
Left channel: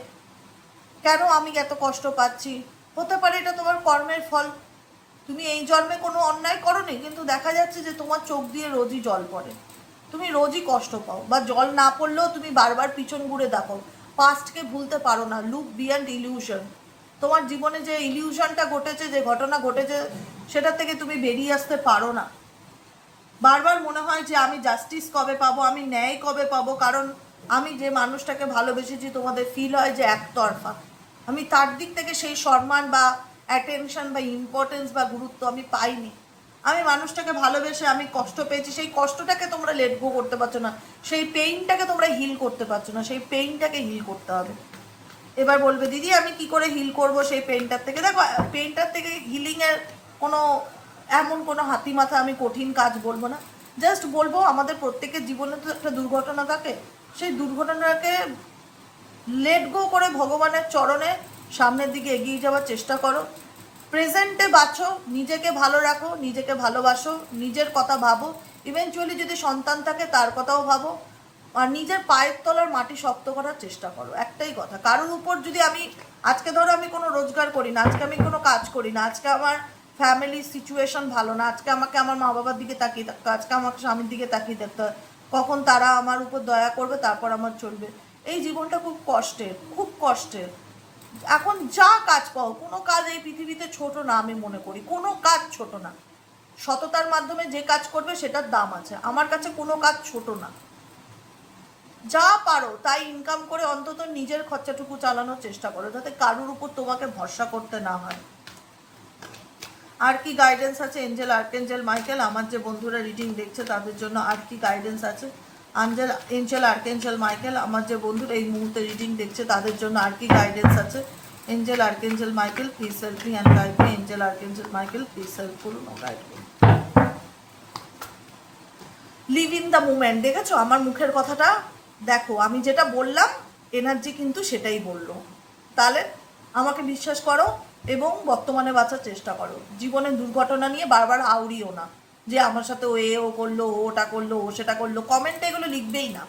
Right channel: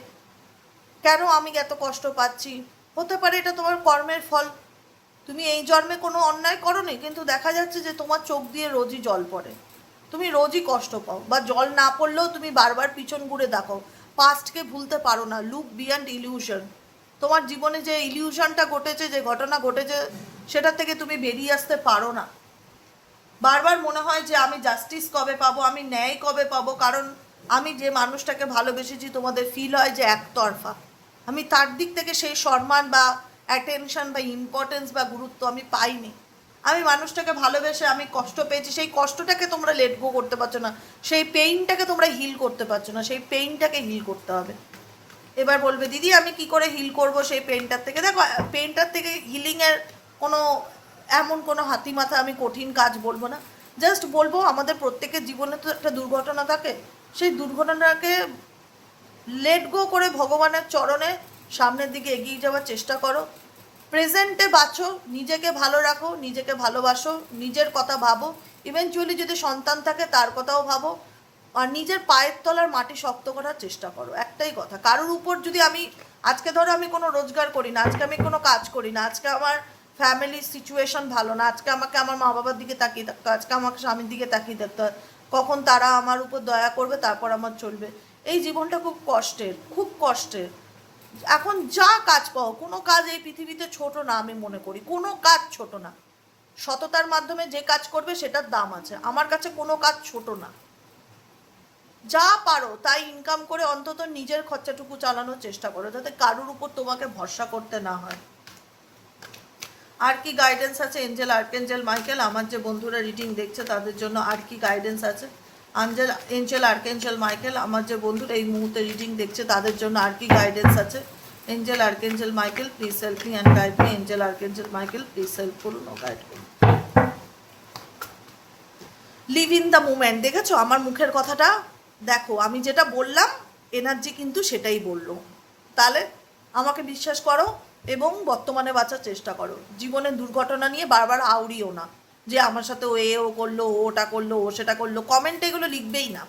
কেন আমি এত কষ্ট পাচ্ছি? হতে পারে এটা তোমার কর্মের ফল। তুমি এই জন্মে কোনো অন্যায় করোনি, কিন্তু দেখা যাচ্ছে যে তোমার চোখ দিয়ে রোজই জল পড়ে, তুমি রোজই কষ্ট পাও, বা জল না পড়লেও তুমি বারবার পিছন ঘুরে দেখো, পাস্টকে ভুলতে পারো না। লুক বিয়ন্ড ইলিউশন, তোমার জীবনে যে ইলিউশনটা ঘটেছে, যে ঘটনা ঘটেছে, সেটা থেকে তুমি বেরিয়ে আসতে পারো না। বারবার মনে হয় যে আমি জাস্টিস কবে পাবো, আমি ন্যায় কবে পাবো, কারণ আমি যে মানুষটাকে ভালোবেসেছি তোমাদের ফিল হয় যে একতরফা, আমি তার দিক থেকে সেই সম্মান বা অ্যাটেনশন বা ইম্পর্টেন্স বা গুরুত্ব আমি পাইনি। আমি মানুষটাকে ভালোবেসে আমি কষ্ট পেয়েছি, সেই কষ্টটাকে তোমরা লেট গো করতে পারছো না, সেই পেইনটাকে তোমরা হিল করতে পারছো না, সেই পেইনটাকে হিল করতে হবে। এবার বলবে দিদি আমি কি করে হিল করব সেই পেইনটার থেকে? দেখো, পেইনটার থেকে হিলিংয়ের কোনো এমন কোনো হাতি মাথা আমি কঠিন কাজ বলবো না, জাস্ট বলবো আমাদের প্রত্যেকের জীবনে তো একটা দুর্ঘটনা থাকে, সেই দুর্ঘটনাকে লেট গো করে ভগবানের চরণে সামনের দিকে এগিয়ে যাওয়ার চেষ্টা করো। প্রেজেন্টে বাঁচো, নিজেকে ভালো রাখো, নিজেকে ভালোবাসো, নিজের কথা ভাবো, ইভেনচুয়ালি যদি সন্তান থাকে তার কথাও ভাবো, আর নিজের পায়ের তলার মাটি শক্ত করার চেষ্টা করো। একটাই কথা, কারোর উপর যদি আজকে ধরো আমি কোনো রোজগার করি না, আজকে আমি কোনো কাজ করি না, আজকে আমার ফ্যামিলির সিচুয়েশন ভালো না, আজকে আমাকে আমার মা বাবার দিকে তাকিয়ে থাকতে হয়, আজকে আমাকে স্বামীর দিকে তাকিয়ে থাকতে হয়, কখন তারা আমার উপর দয়া করবে তারপর আমার চলবে। এই জীবনটা খুব কষ্টের, খুব কষ্টের। এখন যা কাজ পাও, কোনো কাজ এই পৃথিবীতে ছোট না, আমি মনে করি কোনো কাজ ছোট না। সততার মাধ্যমে যে কাজ করবে সেটার দাম আছে, আমার কাছে কোনো কাজ ছোট না। যা পারো তাই ইনকাম করে অন্তত নিজের খরচাটুকু চালানোর চেষ্টা করো, যাতে কারোর উপর তোমাকে ভরসা করতে না হয়। আর কি গাইডেন্স আছে এঞ্জেল আর্কেঞ্জেল মাইকেল, আমার যে বন্ধুরা রিডিং দেখছে তাদের জন্য আর কি গাইডেন্স আছে? এঞ্জেল আর্কেঞ্জেল মাইকেল, আমার যে বন্ধুরা এই মুহূর্তে রিডিং দেখছে তাদের জন্য আর কি গাইডেন্স আছে? Angel archangel Michael please help me and guide me. Angel archangel Michael please help করুন ও গাইড করুন। Live in the moment. দেখেছো আমার মুখের কথাটা? দেখো আমি যেটা বললাম এনার্জি কিন্তু সেটাই বললো। তাহলে আমাকে বিশ্বাস করো এবং বর্তমানে বাঁচার চেষ্টা করো। জীবনের দুর্ঘটনা নিয়ে বারবার আউড়িও না যে আমার সাথে ও করলো, ও ওটা করলো, ও সেটা করলো। কমেন্টে এগুলো লিখবেই না।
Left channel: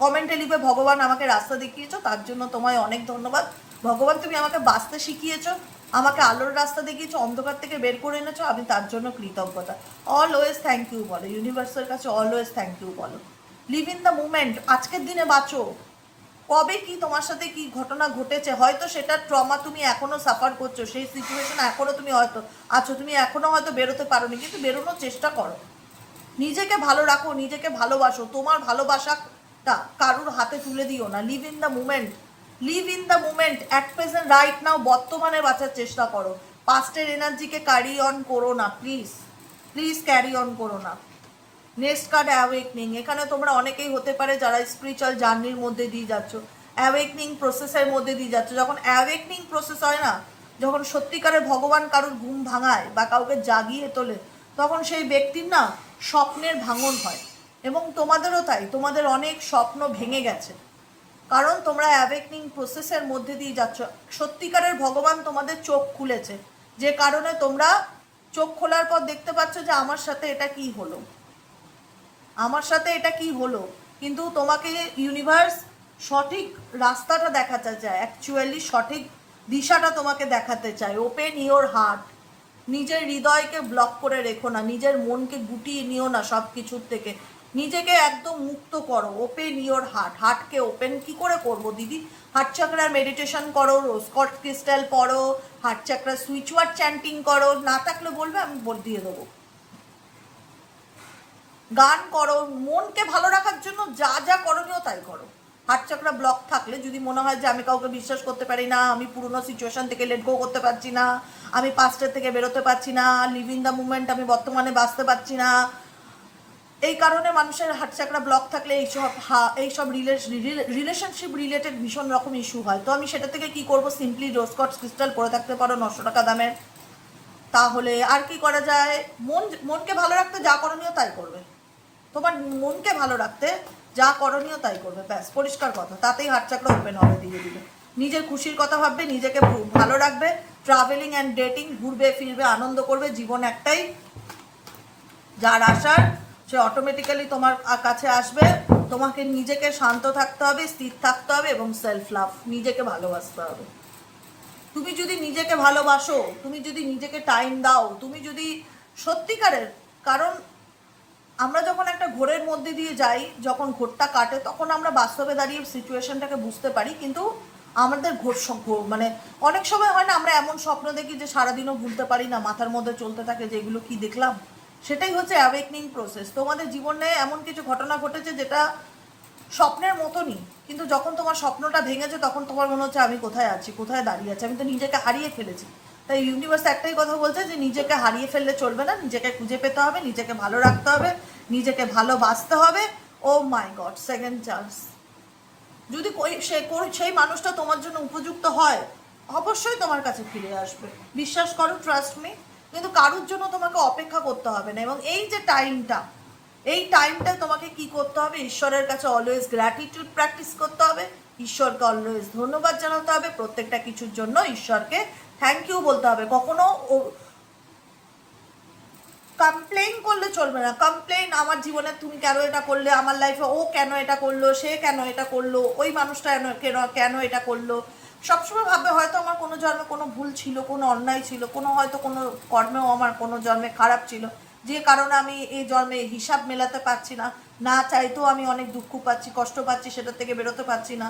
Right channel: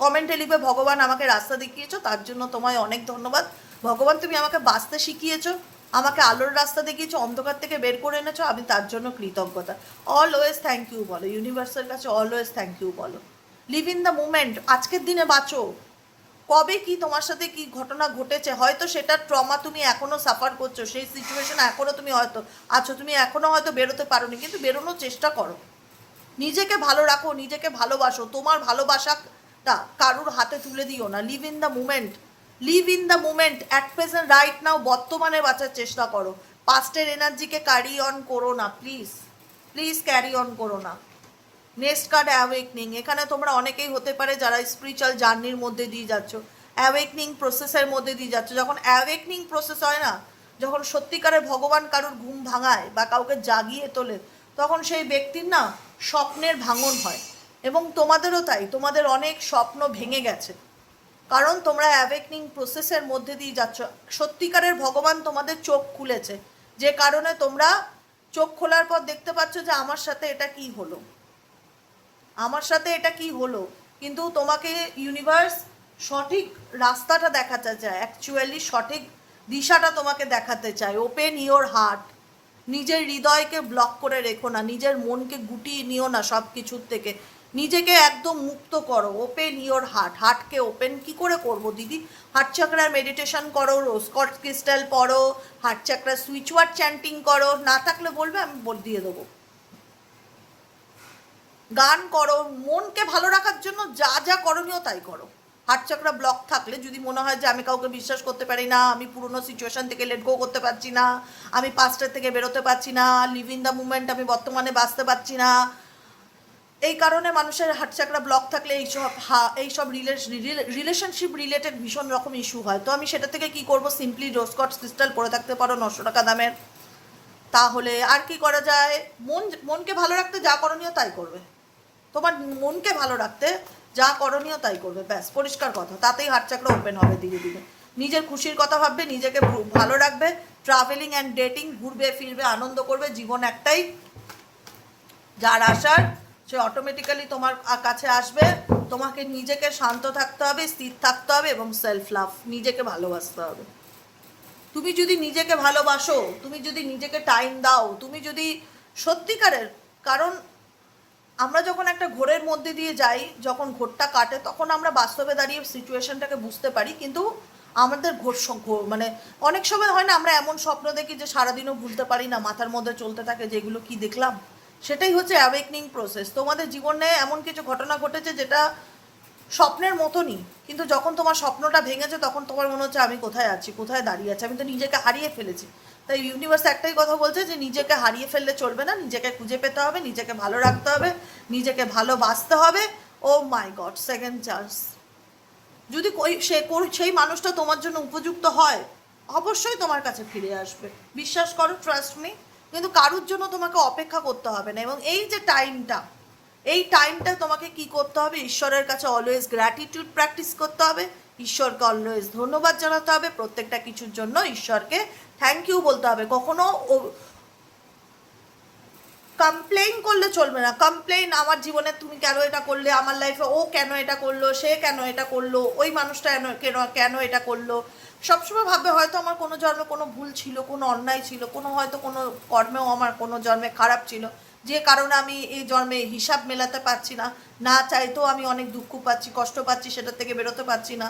কমেন্টে লিখবে ভগবান আমাকে রাস্তা দেখিয়েছো, তার জন্য তোমায় অনেক ধন্যবাদ। ভগবান তুমি আমাকে বাঁচতে শিখিয়েছো, আমাকে আলোর রাস্তা দেখিয়েছো, অন্ধকার থেকে বের করে এনেছো, আমি তার জন্য কৃতজ্ঞতা। অলওয়েজ থ্যাংক ইউ বলো, ইউনিভার্সের কাছে অলওয়েজ থ্যাংক ইউ বলো। লিভ ইন দ্য মুমেন্ট, আজকের দিনে বাঁচো। কবে কি তোমার সাথে কি ঘটনা ঘটেছে, হয়তো সেটার ট্রমা তুমি এখনো সাফার করছো, সেই সিচুয়েশন এখনো তুমি হয়তো আছো, তুমি এখনো হয়তো বেরোতে পারোনি, কিন্তু বেরোনোর চেষ্টা করো। নিজেকে ভালো রাখো, নিজেকে ভালোবাসো। তোমার ভালোবাসাটা কারুর হাতে তুলে দিও না। Live in the moment, live in the moment, at present right now, বর্তমানে বাঁচার চেষ্টা করো। পাস্টের এনার্জিকে ক্যারি অন করো না প্লিজ, প্লিজ ক্যারি অন করো না। Next card awakening. এখানে তোমরা অনেকেই হতে পারে যারা স্পিরিচুয়াল জার্নির মধ্যে দিয়ে যাচ্ছ, অ্যাওয়েকনিং প্রসেসের মধ্যে দিয়ে যাচ্ছ। যখন অ্যাওয়েকনিং প্রসেস হয় না, যখন সত্যিকারের ভগবান কারুর ঘুম ভাঙায় বা কাউকে জাগিয়ে তোলে, তখন সেই ব্যক্তির না স্বপ্নের ভাঙন হয়। এবং তোমাদেরও তাই, তোমাদের অনেক স্বপ্ন ভেঙে গেছে, কারণ তোমরা অ্যাওয়েকনিং প্রসেসের মধ্যে দিয়ে যাচ্ছ। সত্যিকারের ভগবান তোমাদের চোখ খুলেছে, যে কারণে তোমরা চোখ খোলার পর দেখতে পাচ্ছ যে আমার সাথে এটা কি হলো, আমার সাথে এটা কি হলো। কিন্তু তোমাকে ইউনিভার্স সঠিক রাস্তাটা দেখাতে চায়, অ্যাকচুয়ালি সঠিক দিশাটা তোমাকে দেখাতে চায়। ওপেন ইওর হার্ট, নিজের হৃদয়কে ব্লক করে রেখো না, নিজের মনকে গুটিয়ে নিও না সব কিছুর থেকে, নিজেকে একদম মুক্ত করো। ওপেন ইওর হার্ট, হার্টকে ওপেন কি করে করবো দিদি? হার্ট চাকরার মেডিটেশন করো, রোজ কট ক্রিস্টাল পড়ো, হার্ট চাকরার সুইচ ওয়ার্ড চ্যান্টিং করো, না থাকলে বলবে আমি দিয়ে দেবো। গান করো, মনকে ভালো রাখার জন্য যা যা করণীয় তাই করো। হার্ট চাকরা ব্লক থাকলে যদি মনে হয় যে আমি কাউকে বিশ্বাস করতে পারি না, আমি পুরনো সিচুয়েশন থেকে লেট গো করতে পারছি না, আমি পাস্টের থেকে বেরোতে পারছি না, লিভ ইন দ্য মুমেন্ট, আমি বর্তমানে বাঁচতে পারছি না, এই কারণে মানুষের হার্ট চাকরা ব্লক থাকলে এইসব রিলেশনশিপ রিলেটেড ভীষণ রকম ইস্যু হয়। তো আমি সেটা থেকে কি করব? সিম্পলি রোজ কট ক্রিস্টাল পরে থাকতে পারো 900 টাকা দামের। তাহলে আর কি করা যায়? মনকে ভালো রাখতে যা করণীয় তাই করবে। তোমার মনকে ভালো রাখতে যা করণীয় তাই করবে, ব্যাস, পরিষ্কার কথা। তাতেই হার্ট চাকরা ওপেন হবে ধীরে ধীরে। নিজের খুশির কথা ভাববে, নিজেকে ভালো রাখবে, ট্রাভেলিং অ্যান্ড ডেটিং, ঘুরবে ফিরবে, আনন্দ করবে। জীবন একটাই, যার আসার সে অটোমেটিক্যালি তোমার কাছে আসবে। তোমাকে নিজেকে শান্ত থাকতে হবে, স্থির থাকতে হবে এবং সেলফ লাভ, নিজেকে ভালোবাসতে হবে। তুমি যদি নিজেকে ভালোবাসো, তুমি যদি নিজেকে টাইম দাও, তুমি যদি সত্যিকারের, কারণ আমরা যখন একটা ঘোরের মধ্যে দিয়ে যাই, যখন ঘোরটা কাটে, তখন আমরা বাস্তবে দাঁড়িয়ে সিচুয়েশনটাকে বুঝতে পারি। কিন্তু আমাদের মানে অনেক সময় হয় না, আমরা এমন স্বপ্ন দেখি যে সারাদিনও ভুলতে পারি না, মাথার মধ্যে চলতে থাকে যে এগুলো কি দেখলাম। সেটাই হচ্ছে অ্যাওয়েকনিং প্রসেস। তোমাদের জীবনে এমন কিছু ঘটনা ঘটেছে যেটা স্বপ্নের মতনই, কিন্তু যখন তোমার স্বপ্নটা ভেঙেছে তখন তোমার মনে হচ্ছে আমি কোথায় আছি, কোথায় দাঁড়িয়ে আছি, আমি তো নিজেকে হারিয়ে ফেলেছি। তাই ইউনিভার্স একটাই কথা বলছে যে নিজেকে হারিয়ে ফেললে চলবে না, নিজেকে খুঁজে পেতে হবে, নিজেকে ভালো রাখতে হবে, নিজেকে ভালোবাসতে হবে। ও মাই গড, সেকেন্ড চান্স। যদি সেই মানুষটা তোমার জন্য উপযুক্ত হয়, অবশ্যই তোমার কাছে ফিরে আসবে, বিশ্বাস করো, ট্রাস্ট মি। কিন্তু কারোর জন্য তোমাকে অপেক্ষা করতে হবে না। এবং এই যে টাইমটা, এই টাইমটা তোমাকে কি করতে হবে? ঈশ্বরের কাছে অলওয়েজ গ্র্যাটিটিউড প্র্যাকটিস করতে হবে, ঈশ্বরকে অলওয়েজ ধন্যবাদ জানাতে হবে, প্রত্যেকটা কিছুর জন্য ঈশ্বরকে থ্যাংক ইউ বলতে হবে। কখনো কমপ্লেইন করলে চলবে না। কমপ্লেইন, আমার জীবনে তুমি কেন এটা করলে, আমার লাইফে ও কেন এটা করলো, সে কেন এটা করলো, ওই মানুষটা কেন এটা করলো। সবসময় ভাববে হয়তো আমার কোনো জন্মে কোনো ভুল ছিল, কোনো অন্যায় ছিল, কোনো হয়তো কোনো কর্মেও আমার কোনো জন্মে খারাপ ছিল, যে কারণে আমি এই জন্মে হিসাব মেলাতে পারছি না, না চাইতেও আমি অনেক দুঃখ পাচ্ছি, কষ্ট পাচ্ছি, সেটা থেকে বেরোতে পারছি না।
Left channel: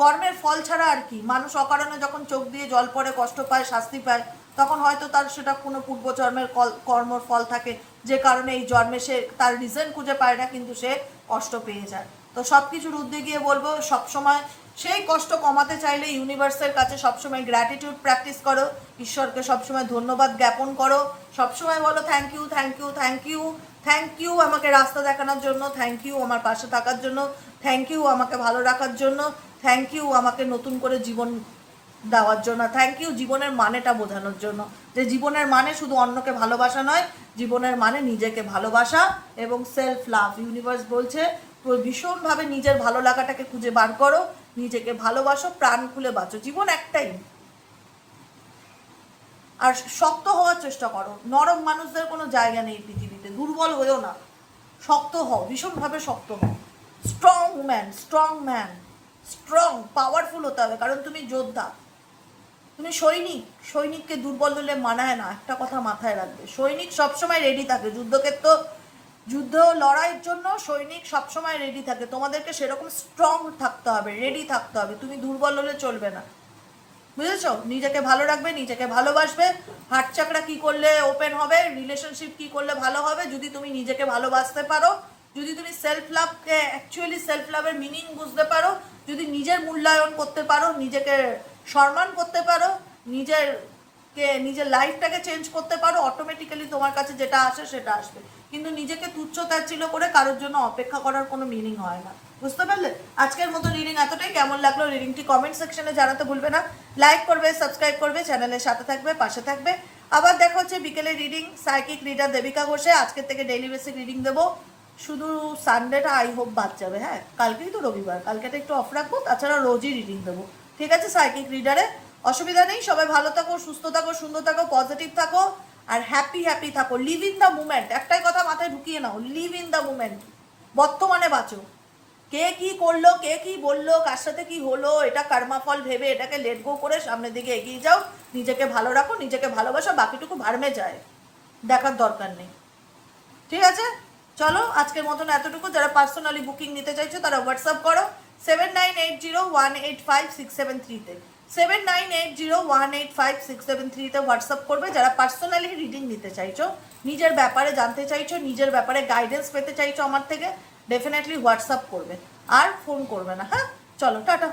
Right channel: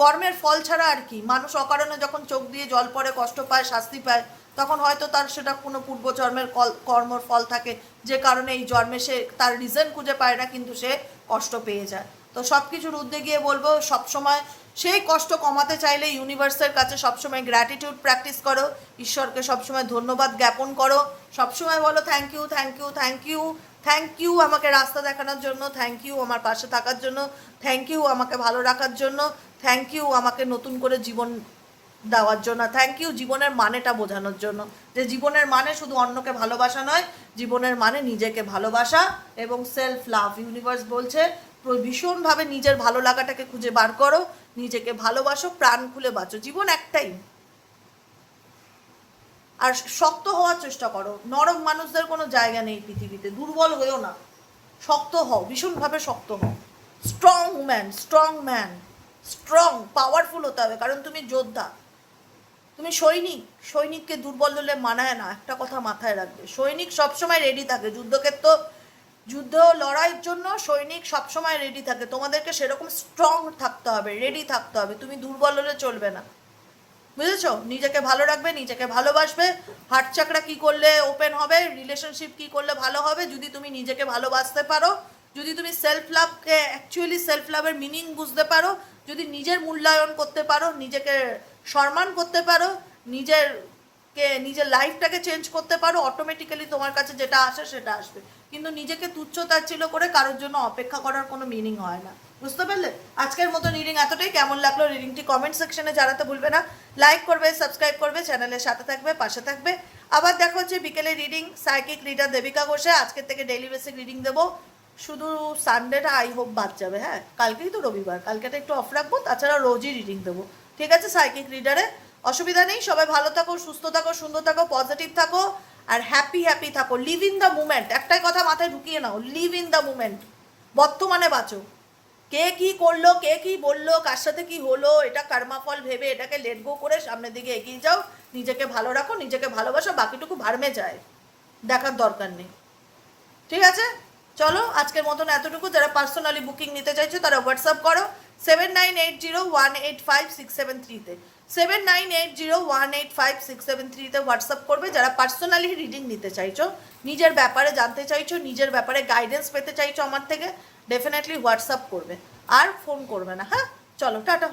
কর্মের ফল ছাড়া আর কি। মানুষ অকারণে যখন চোখ দিয়ে জল পড়ে, কষ্ট পায়, শাস্তি পায়, তখন হয়তো তার সেটা কোনো পূর্বজন্মের কর্মর ফল থাকে, যে কারণে এই জন্মে সে তার রিজন খুঁজে পায় না, কিন্তু সে কষ্ট পেয়ে যায়। তো সব কিছুর ঊর্ধ্বে গিয়ে বলবো সবসময় সেই কষ্ট কমাতে চাইলে ইউনিভার্সের কাছে সবসময় গ্র্যাটিটিউড প্র্যাকটিস করো, ঈশ্বরকে সবসময় ধন্যবাদ জ্ঞাপন করো, সবসময় বলো thank you thank you thank you thank you আমাকে রাস্তা দেখানোর জন্য, থ্যাংক ইউ আমার পাশে থাকার জন্য, থ্যাংক ইউ আমাকে ভালো রাখার জন্য, থ্যাংক ইউ আমাকে নতুন করে জীবন দেওয়ার জন্য, থ্যাংক ইউ জীবনের মানেটা বোঝানোর জন্য, যে জীবনের মানে শুধু অন্যকে ভালোবাসা নয়, জীবনের মানে নিজেকে ভালোবাসা এবং সেলফ লাভ। ইউনিভার্স বলছে ভীষণভাবে নিজের ভালো লাগাটাকে খুঁজে বার করো, নিজেকে ভালোবাসো, প্রাণ খুলে বাঁচো, জীবন একটাই। আর শক্ত হওয়ার চেষ্টা করো, নরম মানুষদের কোনো জায়গা নেই পৃথিবীতে, দুর্বল হয়েও না, শক্ত হও, ভীষণভাবে শক্ত হও, স্ট্রং ম্যান, স্ট্রং পাওয়ারফুল হতে হবে, কারণ তুমি যোদ্ধা, তুমি সৈনিককে দুর্বল হলে মানায় না, একটা কথা মাথায় রাখবে, সৈনিক সবসময় রেডি থাকে, যুদ্ধ লড়াইয়ের জন্য সৈনিক সবসময় রেডি থাকে, তোমাদেরকে সেরকম স্ট্রং থাকতে হবে, রেডি থাকতে হবে, তুমি দুর্বল হলে চলবে না, বুঝেছো? নিজেকে ভালো রাখবে, নিজেকে ভালোবাসবে, হার্ট চাকরা কি করলে ওপেন হবে, রিলেশনশিপ কি করলে ভালো হবে, যদি তুমি নিজেকে ভালোবাসতে পারো, যদি তুমি সেলফ লাভকে অ্যাকচুয়ালি সেলফ লাভের মিনিং বুঝতে পারো, যদি নিজের মূল্যায়ন করতে পারো, নিজেকে সম্মান করতে পারো, নিজের লাইফটাকে চেঞ্জ করতে পারো, অটোমেটিক্যালি তোমার কাছে যেটা আসে সেটা আসবে। কিন্তু নিজেকে তুচ্ছ তাচ্ছিল্য করে কারোর জন্য অপেক্ষা করার কোনো মিনিং হয় না, বুঝতে পারলে? আজকের মতো রিডিং এতটাই। কেমন লাগলো রিডিংটি কমেন্ট সেকশনে জানাতে ভুলবে না, লাইক করবে, সাবস্ক্রাইব করবে, চ্যানেলের সাথে থাকবে, পাশে থাকবে। আবার দেখা হচ্ছে বিকেলে রিডিং, সাইকিক রিডার দেবিকা ঘোষে। আজকের থেকে ডেইলি বেসিক রিডিং দেবো, শুধু সানডেটা আই হোপ বাদ যাবে, হ্যাঁ কালকেই তো রবিবার, কালকেটা একটু অফ রাখবো, তাছাড়া রোজই রিডিং দেবো, ঠিক আছে? সাইকিক রিডারে অসুবিধা নেই, সবাই ভালো থাকো, সুস্থ থাকো, সুন্দর থাকো, পজিটিভ থাকো আর হ্যাপি থাকো, লিভ ইন দ্য মুমেন্ট, একটাই কথা মাথায় ঢুকিয়ে নাও, লিভ ইন দ্য মুমেন্ট, বর্তমানে বাঁচো, কে কি করলো, কে কি বললো, কার সাথে কি হলো, এটা কর্মাফল ভেবে এটাকে লেট গো করে সামনের দিকে এগিয়ে যাও, নিজেকে ভালো রাখো, নিজেকে ভালোবাসো, বাকিটুকু ভার্মে যায়, দেখার দরকার নেই, ঠিক আছে? চলো আজকের মতন এতটুকু। যারা পার্সোনালি বুকিং নিতে চাইছো তারা হোয়াটসঅ্যাপ করো 7980185673-তে, 7980185673-তে হোয়াটসঅ্যাপ করবে যারা পার্সোনালি রিডিং নিতে চাইছো, নিজের ব্যাপারে জানতে চাইছো, নিজের ব্যাপারে গাইডেন্স পেতে চাইছো আমার থেকে, ডেফিনেটলি হোয়াটসঅ্যাপ করবে, আর ফোন করবে না, হ্যাঁ? চলো টাটা।